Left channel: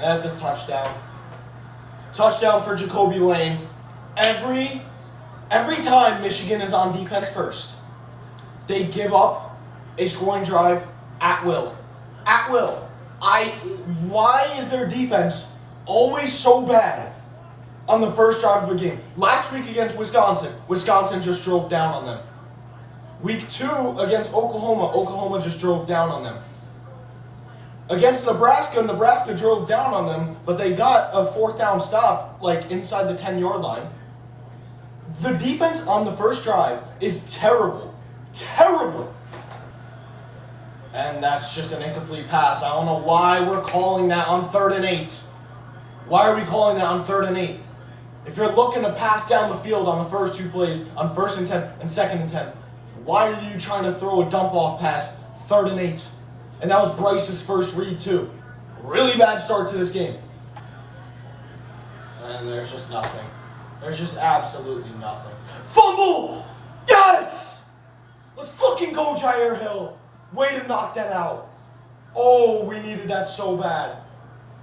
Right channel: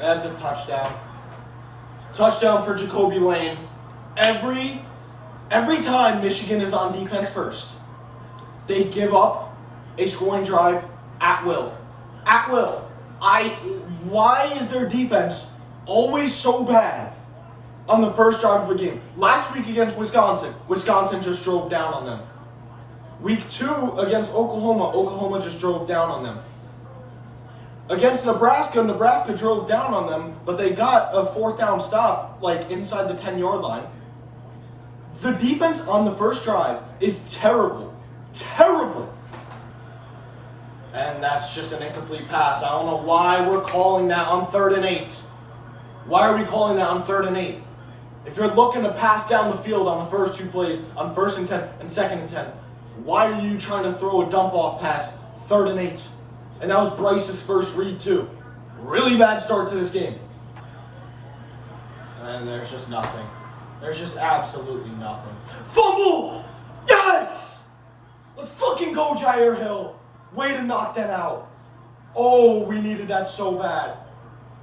That's a touchdown. Touchdown for Jacoby Lane. Every time Michigan is on defense first, they give up a scoring drive at will. At will. Why is their defense always so bad on the first drive of a game? Last week against Wisconsin just drove down on them. Week 2 against Oklahoma just drove down on them. Against Nebraska drove down on them, but they got a 4th down stop, like, inside the 10-yard line. The defense on the first drive is terrible. Terrible. And that's just an incomplete pass. I don't know why we're calling that on 3rd and 8. Why are we calling that on 3rd and 8? If you're looking to pass down the field on the first 2 plays, on 1st and 10 and 2nd and 10, why are you trying to throw a dump-off pass 3rd and 8? And that was Bryce's first read, too. Really bad start to this game. And there's just nothing. There's just absolutely nothing. Fumble! Yes! Let's fucking go, Jair Hill. Way to knock that out. Oh, we needed that so bad.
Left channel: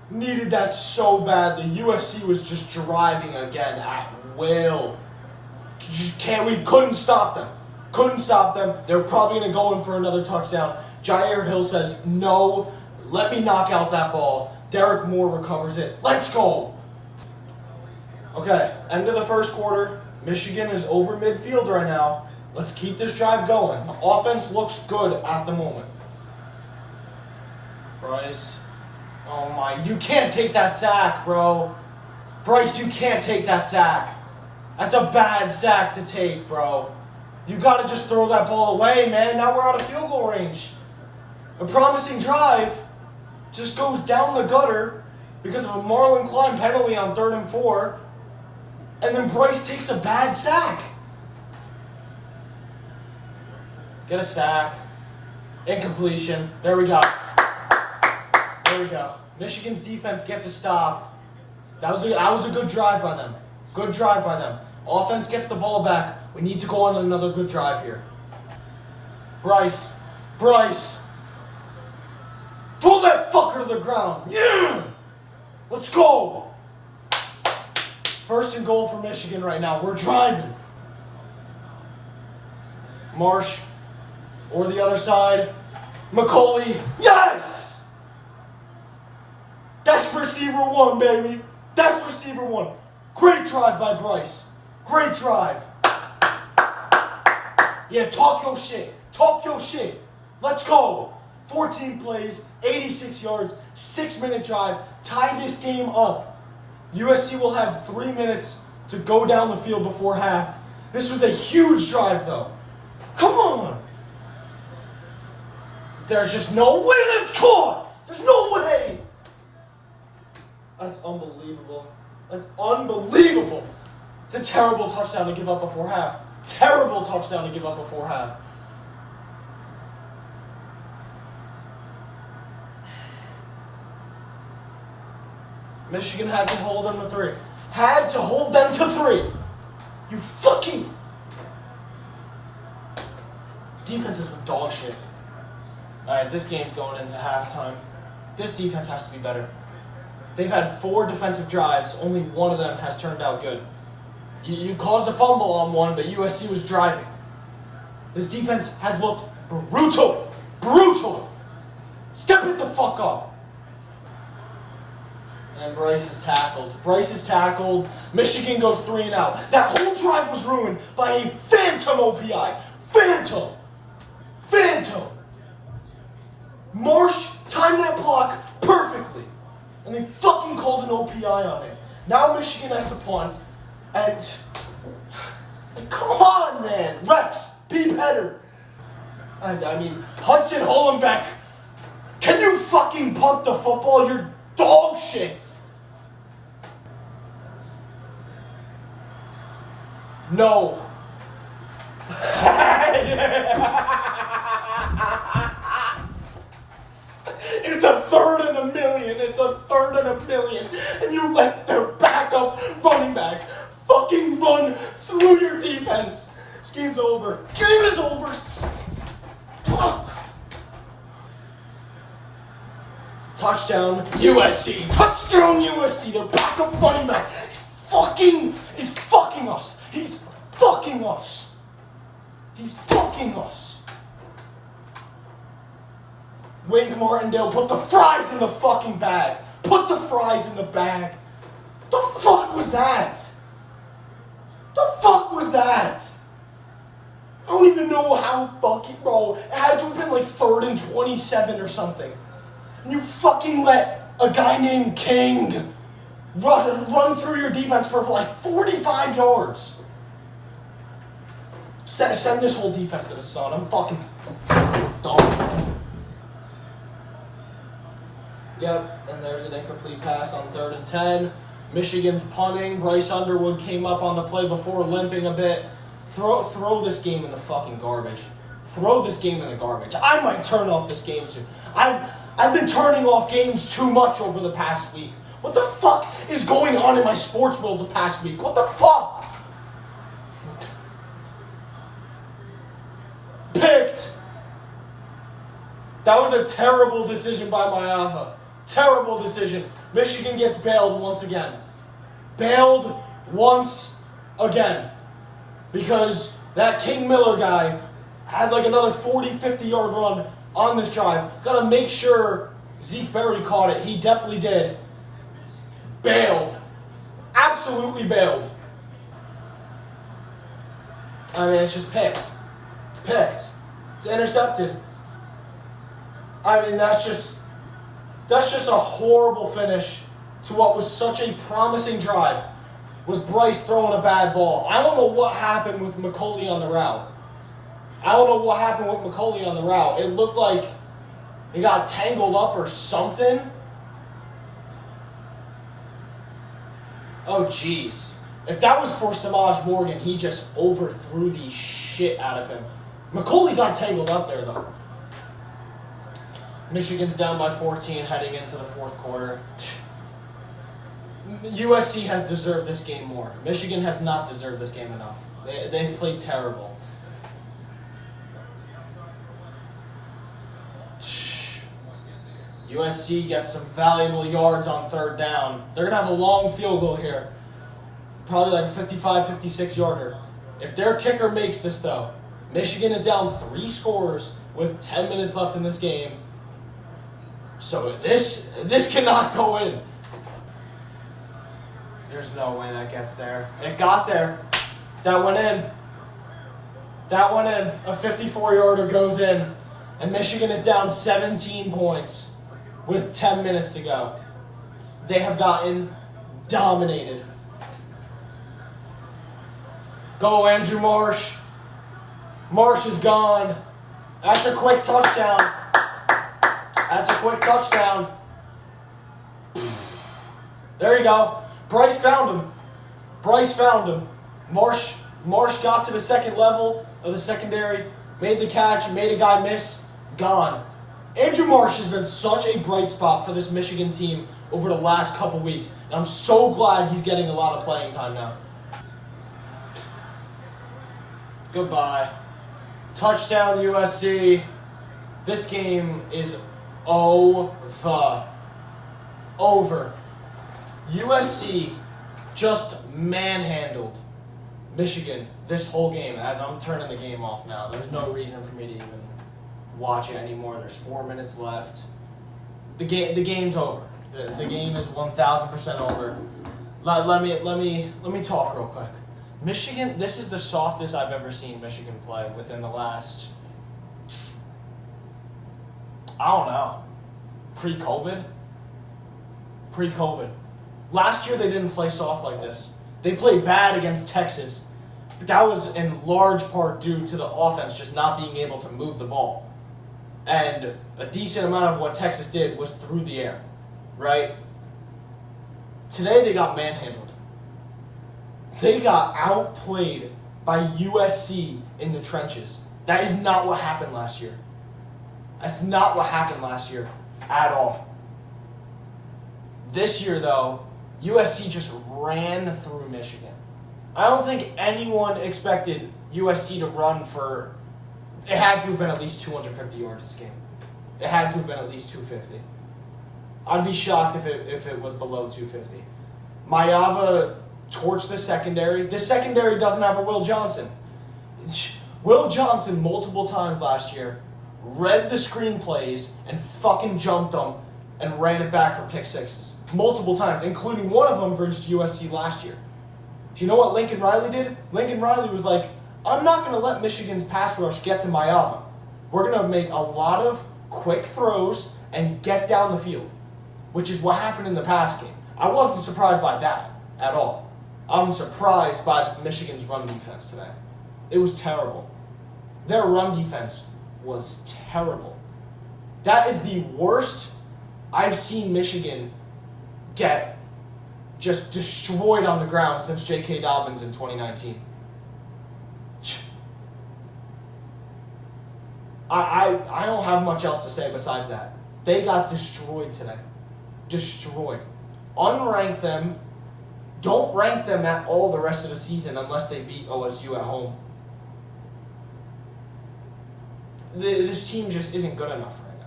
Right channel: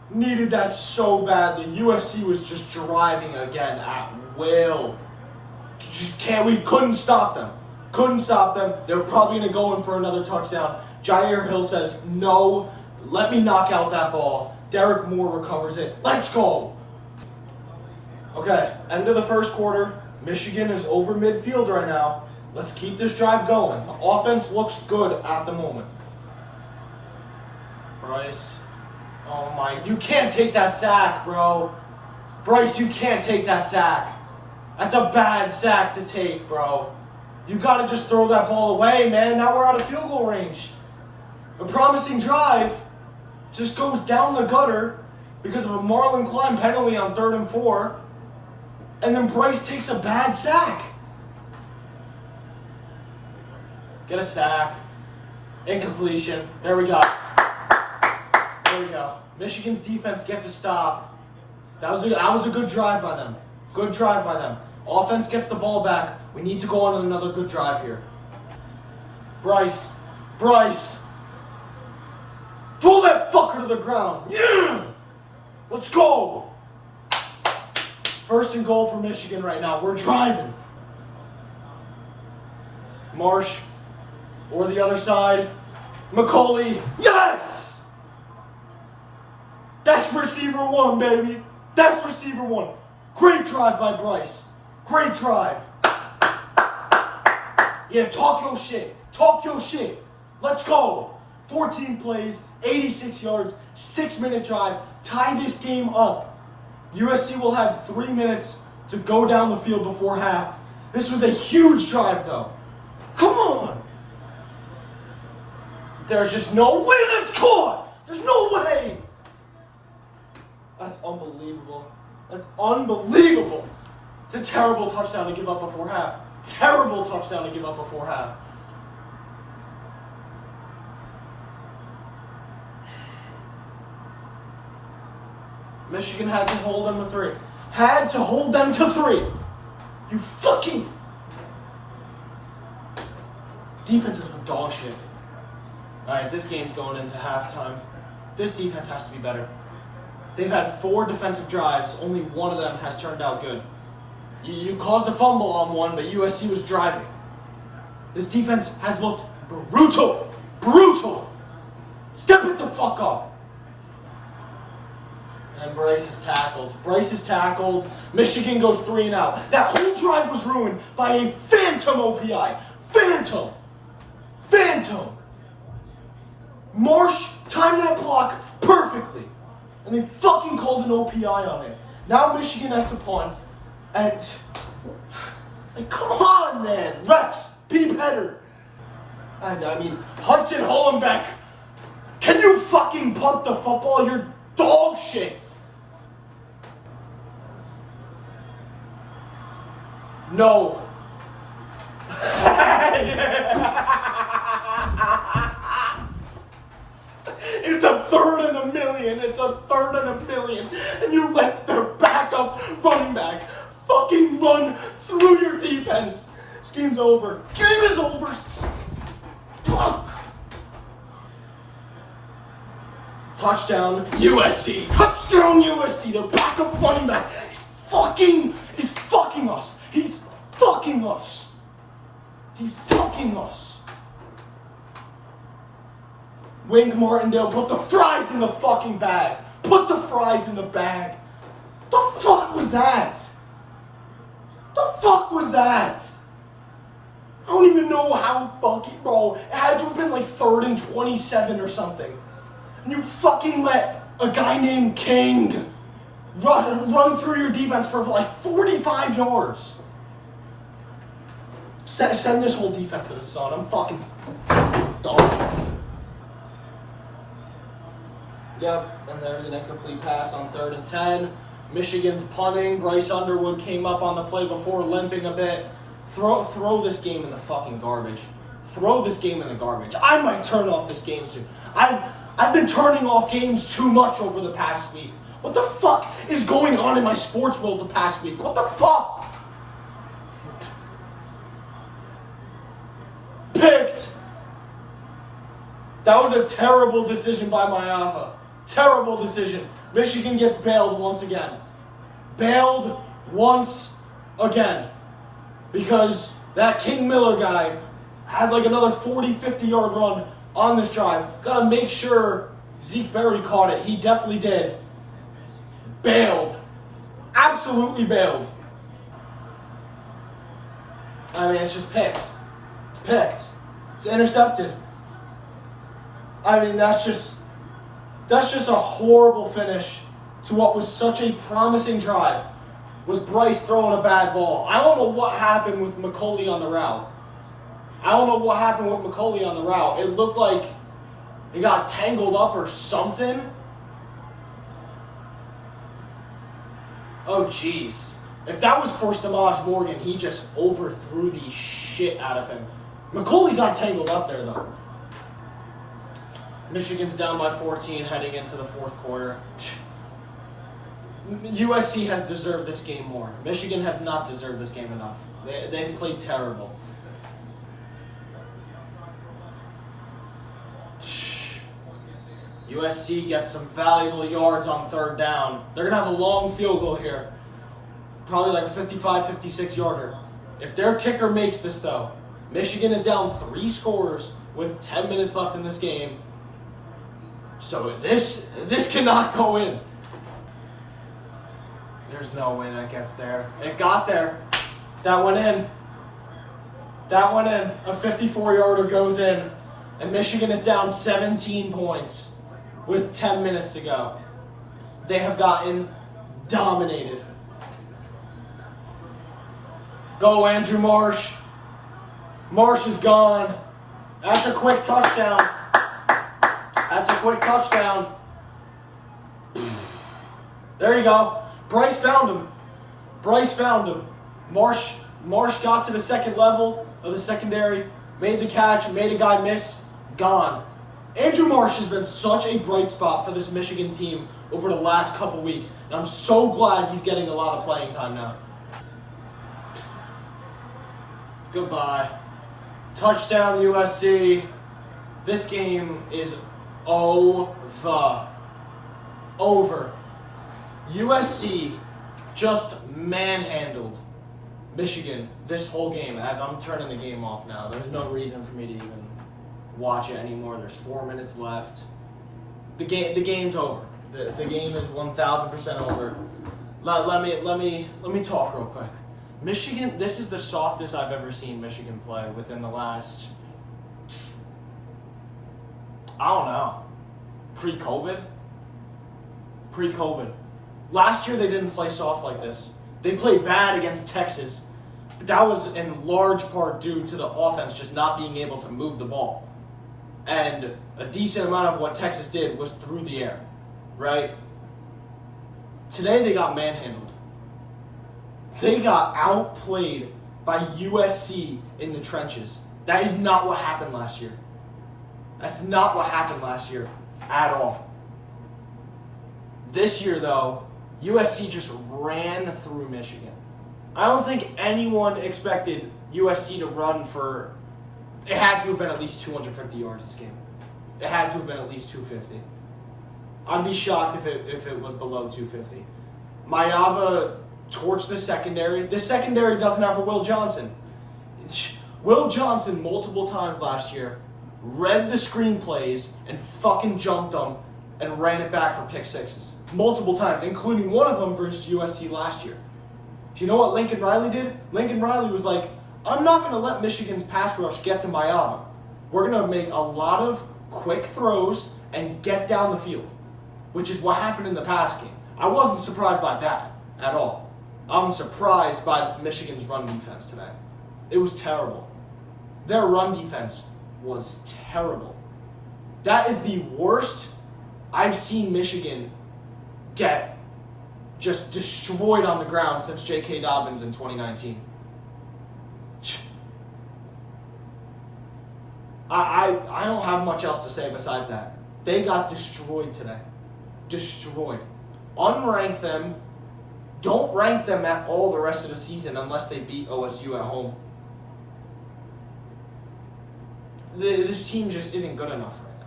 Needed that so bad. The USC was just driving again at will. We couldn't stop them. Couldn't stop them. They were probably going to go in for another touchdown. Jair Hill says, no, let me knock out that ball. Derek Moore recovers it. Let's go. Okay, end of the first quarter. Michigan is over midfield right now. Let's keep this drive going. The offense looks good at the moment. Bryce. Oh my, you can't take that sack, bro. Bryce, you can't take that sack. That's a bad sack to take, bro. You gotta just throw that ball away, man. Now we're out of field goal range. A promising drive just goes down the gutter because of a Marlon Klein penalty on 3rd and 4. And then Bryce takes a bad sack. Get a sack. Incompletion. There we go. There we go. Michigan's defense gets a stop. That was a good drive by them. Good drive by them. Offense gets the ball back. We need to go on another good drive here. Bryce. Throw that fucker to the ground. Yeah! Let's go. 1st and goal for Michigan right now. We're driving. Marsh. Or the other side. McCauley. Yes! That's receiver 1, baby. That's receiver 1. Great drive by Bryce. Great drive. Yeah, talk your shit. Talk your shit. Let's go. 14 plays, 86 yards, 6-minute drive. Tie this game up. USC will have 3 minutes to go down the field before half. This was a huge drive, though. Come on. There's just no way that's caught. There's no way. That's unbelievable. That's unbelievable. It's a terrible touchdown to give up before half. Terrible touchdown to give up before half. Michigan had to hold them to 3. Had to hold them to 3. You fucking... Defenses were dog shit. Alright, this game's going into halftime. This defense has to be better. They've had 4 defensive drives. Only one of them has turned out good. You caused a fumble on one, but USC was driving. This defense has looked brutal. Brutal. Step it the fuck up. And Bryce is tackled. Bryce is tackled. Michigan goes 3 and out. That whole drive was ruined by a phantom OPI. Phantom. Marsh timed that block perfectly. And they fucking called an OPI on it. Now Michigan has to punt. And come on, man. Refs, be better. I mean, Hudson Hollenbeck, can you fucking punt the football? You're dog shit. No. It's a 3rd and 1,000,000. It's a 3rd and 1,000,000. And you let their backup running back fucking run through your defense. This game's over. Game is over. Touchdown USC. Touchdown USC. Their backup running back is fucking us. He's fucking us. He's fucking us. Wink Martindale, put the fries in the fucking bag. Put the fries in the bag. The fuck was that? The fuck was that? I don't even know how fucking, bro. It had to have been like 3rd and 27 or something. And you fucking let a guy named King run through your defense for like 45 yards. Send this whole defense to the sun. I'm fucking done. Yep, and there's an incomplete pass on 3rd and 10. Michigan's punting. Bryce Underwood came up on the play before, limping a bit. Throw this game in the fucking garbage. Throw this game in the garbage. I might turn off this game soon. I've been turning off games too much over the past week. What the fuck is going on in my sports world the past week? What the fuck? Picked. That was a terrible decision by Mayava. Terrible decision. Michigan gets bailed once again. Bailed once again. Because that King Miller guy had like another 40, 50-yard run on this drive. Got to make sure Zeke Berry caught it. He definitely did. Bailed. Absolutely bailed. I mean, it's just picked. It's picked. It's intercepted. I mean, that's just a horrible finish to what was such a promising drive. Was Bryce throwing a bad ball? I don't know what happened with McCauley on the route. It looked like it got tangled up or something. Oh, jeez. If that was for Samaj Morgan, he just overthrew the shit out of him. McCauley got tangled up there, though. Michigan's down by 14 heading into the 4th quarter. USC has deserved this game more. Michigan has not deserved this game enough. They've played terrible. USC gets some valuable yards on 3rd down. They're going to have a long field goal here. Probably like a 55, 56-yarder. If their kicker makes this, though, Michigan is down 3 scores with 10 minutes left in this game. So this cannot go in. There's no way that gets there. It got there. That went in. A 54-yarder goes in. And Michigan is down 17 points with 10 minutes to go. They have gotten dominated. Go, Andrew Marsh. Marsh is gone. That's a quick touchdown. There you go. Bryce found him. Marsh got to the second level of the secondary, made the catch, made a guy miss, gone. Andrew Marsh has been such a bright spot for this Michigan team over the last couple weeks, and I'm so glad he's getting a lot of playing time now. Goodbye. Touchdown USC. This game is over. USC just manhandled Michigan this whole game. As I'm turning the game off now, there's no reason for me to even watch it anymore. There's 4 minutes left. The game's over. The game is 1,000% over. Let me talk real quick. Michigan, this is the softest I've ever seen Michigan play within the last, I don't know, pre-COVID. Last year they didn't play soft like this. They played bad against Texas. But that was in large part due to the offense just not being able to move the ball. And a decent amount of what Texas did was through the air, right? Today they got manhandled. They got outplayed by USC in the trenches. That is not what happened last year. That's not what happened last year at all. This year, though, USC just ran through Michigan. I don't think anyone expected USC to run for... It had to have been at least 250 yards this game. It had to have been at least 250. I'd be shocked if it was below 250. Maiyava torched the secondary. The secondary doesn't have a Will Johnson. Will Johnson, multiple times last year, read the screenplays and fucking jumped them and ran it back for pick sixes. Multiple times, including one of them versus USC last year. Do you know what Lincoln Riley did? Lincoln Riley was like, I'm not going to let Michigan's pass rush get to Maiyava. We're going to make a lot of quick throws and get down the field, which is what happened in the pass game. I wasn't surprised by that at all. I'm surprised by Michigan's run defense today. It was terrible. Their run defense was terrible. That is the worst I've seen Michigan get just destroyed on the ground since J.K. Dobbins in 2019. I don't have much else to say besides that. They got destroyed today. Destroyed. Unrank them. Don't rank them at all the rest of the season unless they beat OSU at home. This team just isn't good enough right now.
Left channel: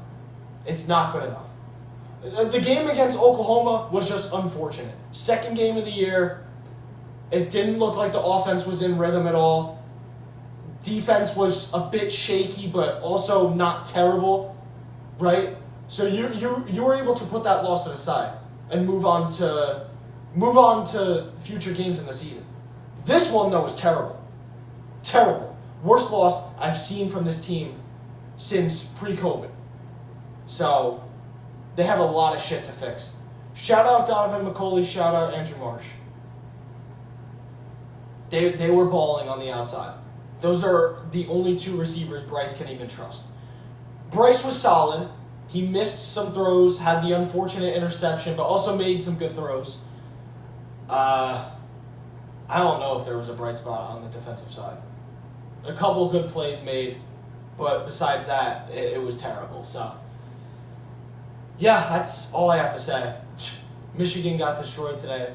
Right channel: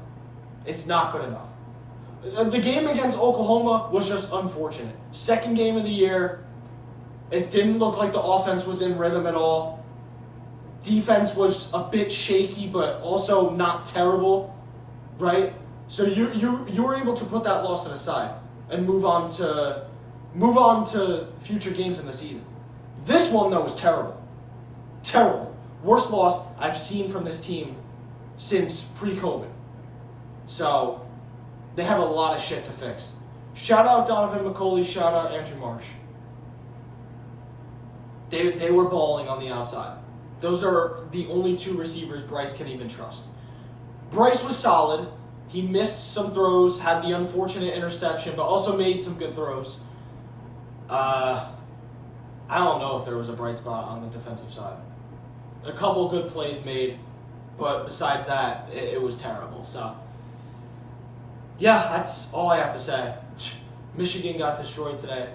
It's not good enough. The game against Oklahoma was just unfortunate. Second game of the year. It didn't look like the offense was in rhythm at all. Defense was a bit shaky, but also not terrible, right? So you were able to put that loss to the side and move on to future games in the season. This one though was terrible, terrible. Worst loss I've seen from this team since pre-COVID. So they have a lot of shit to fix. Shout out Donovan McCulley. Shout out Andrew Marsh. They were balling on the outside. Those are the only two receivers Bryce can even trust. Bryce was solid. He missed some throws, had the unfortunate interception, but also made some good throws. I don't know if there was a bright spot on the defensive side. A couple good plays made, but besides that, it was terrible. So, yeah, that's all I have to say. Michigan got destroyed today.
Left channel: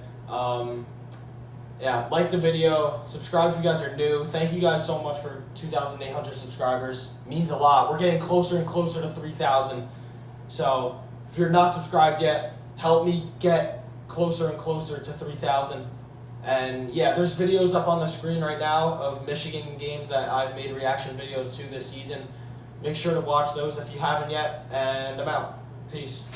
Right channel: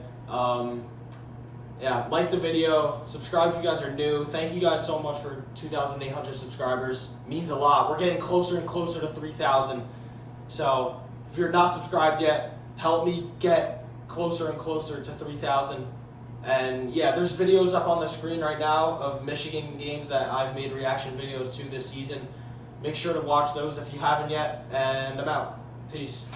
Yeah, like the video, subscribe if you guys are new. Thank you guys so much for 2,800 subscribers. Means a lot. We're getting closer and closer to 3,000. So if you're not subscribed yet, help me get closer and closer to 3,000. And yeah, there's videos up on the screen right now of Michigan games that I've made reaction videos to this season. Make sure to watch those if you haven't yet. And I'm out. Peace.